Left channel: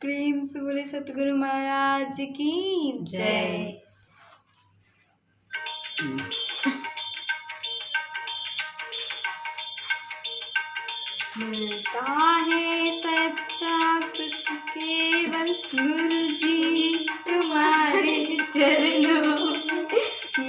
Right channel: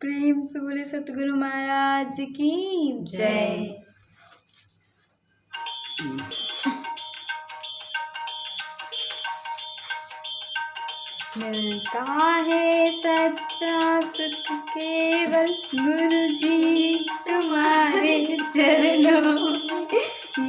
प्रेम से बोले सतगुरु महाराज की जय। मिलता है सच्चा सुख केवल गुरु जी तुम्हारे चरणों में।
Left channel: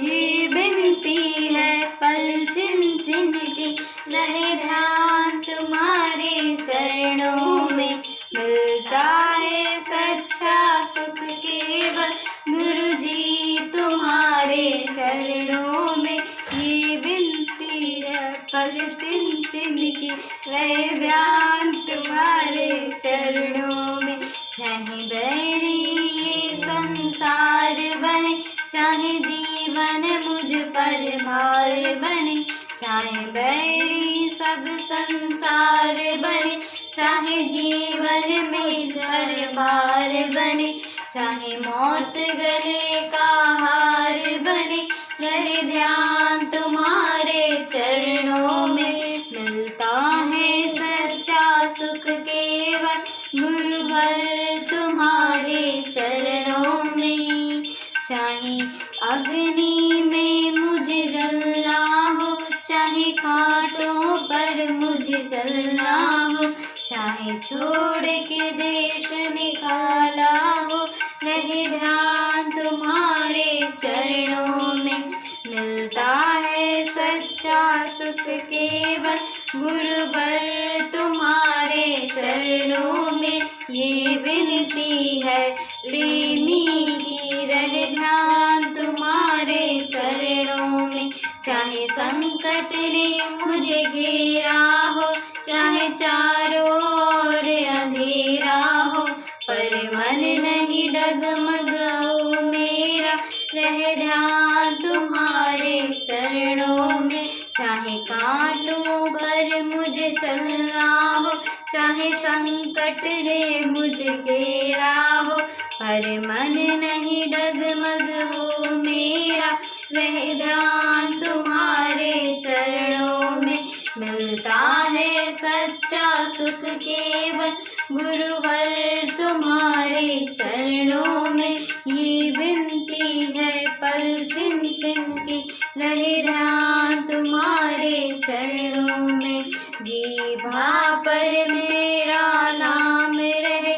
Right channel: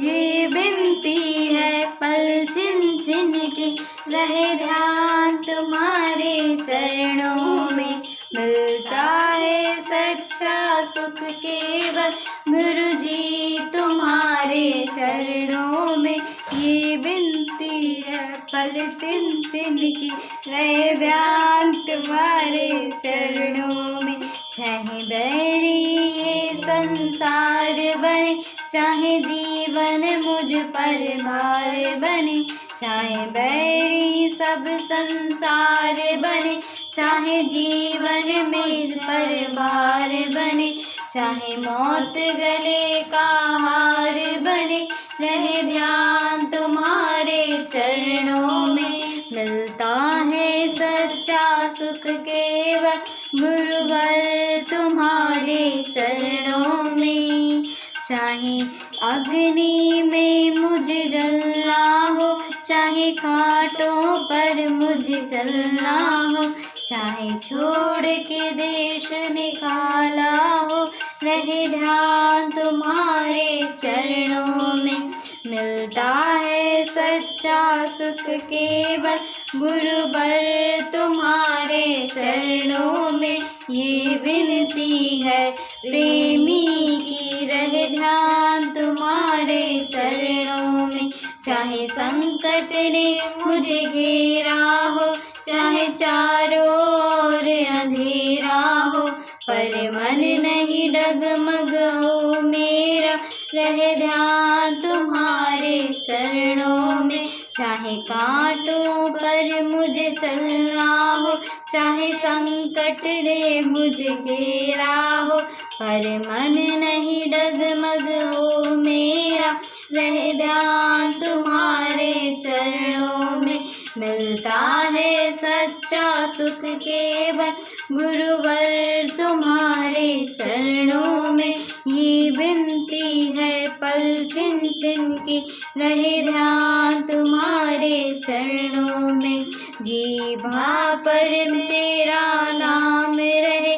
ये विनती है पल छिन छिन की, रहे ध्यान तुम्हारे चरणों में। मिलता है सच्चा सुख केवल गुरु जी तुम्हारे चरणों में। ये विनती है पल छिन छिन की, रहे ध्यान तुम्हारे चरणों में। चाहे बैरी ये संसार बने, चाहे जीवन मुझ पर भार बने। चाहे बैरी सब संसार बने, चाहे जीवन में पर भार बने। चाहे मौत गले का हार बने, रहे ध्यान तुम्हारे चरणों में। मिलता है सच्चा सुख केवल गुरुवर तुम्हारे चरणों में। चाहे अग्नि में मुझे जलना हो, चाहे कांटों पर मुझे चलना हो। चाहे छोड़ के देश निकाला हो, रहे ध्यान तुम्हारे चरणों में। मिलता है सच्चा सुख केवल गुरुवर तुम्हारे चरणों में। ये विनती है प्रेमी की, रहे ध्यान तुम्हारे चरणों में। चाहे संकट ने मुझे घेरा हो, चाहे चारों ओर अंधेरा हो, पर मन नहीं डगमग हो मेरा, रहे ध्यान तुम्हारे चरणों में। चाहे कांटों पर मुझे चलना हो, चाहे संकट ने मुझे घेरा हो, पर मन नहीं डगमग हो मेरा, रहे ध्यान तुम्हारे चरणों में। मिलता है सच्चा सुख केवल गुरुवर तुम्हारे चरणों में। ये विनती है पल छिन छिन की, रहे ध्यान तुम्हारे चरणों में। जीभा पर मेरा नाम रहे,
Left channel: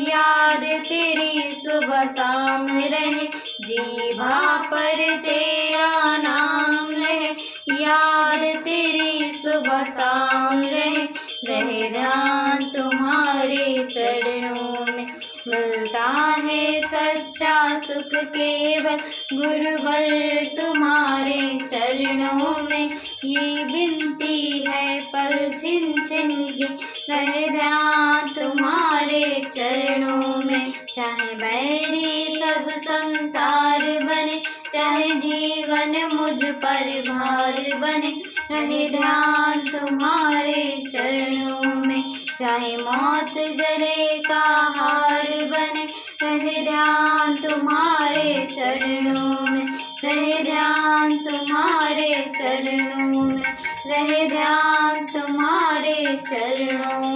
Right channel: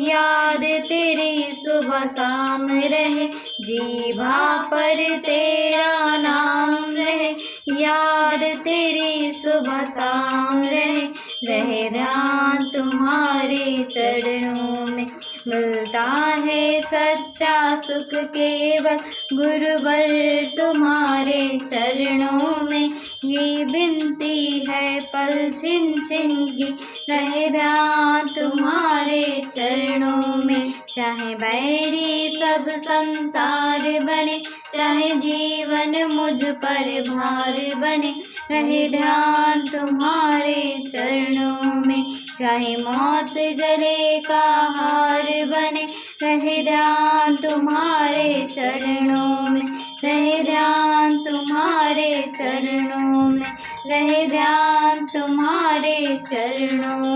याद तेरी सुबह शाम रहे। जीभा पर तेरा नाम रहे, याद तेरी सुबह शाम रहे, रहे ध्यान तुम्हारे चरणों में। मिलता है सच्चा सुख केवल गुरुवर तुम्हारे चरणों में। ये विनती है पल छिन छिन की, रहे ध्यान तुम्हारे चरणों में। चाहे बैरी सब संसार बने, चाहे जीवन मुझ पर भार बने, रहे ध्यान तुम्हारे चरणों में। चाहे मौत गले का हार बने, रहे ध्यान तुम्हारे चरणों में। रहे ध्यान तुम्हारे चरणों में, रहे ध्यान तुम्हारे चरणों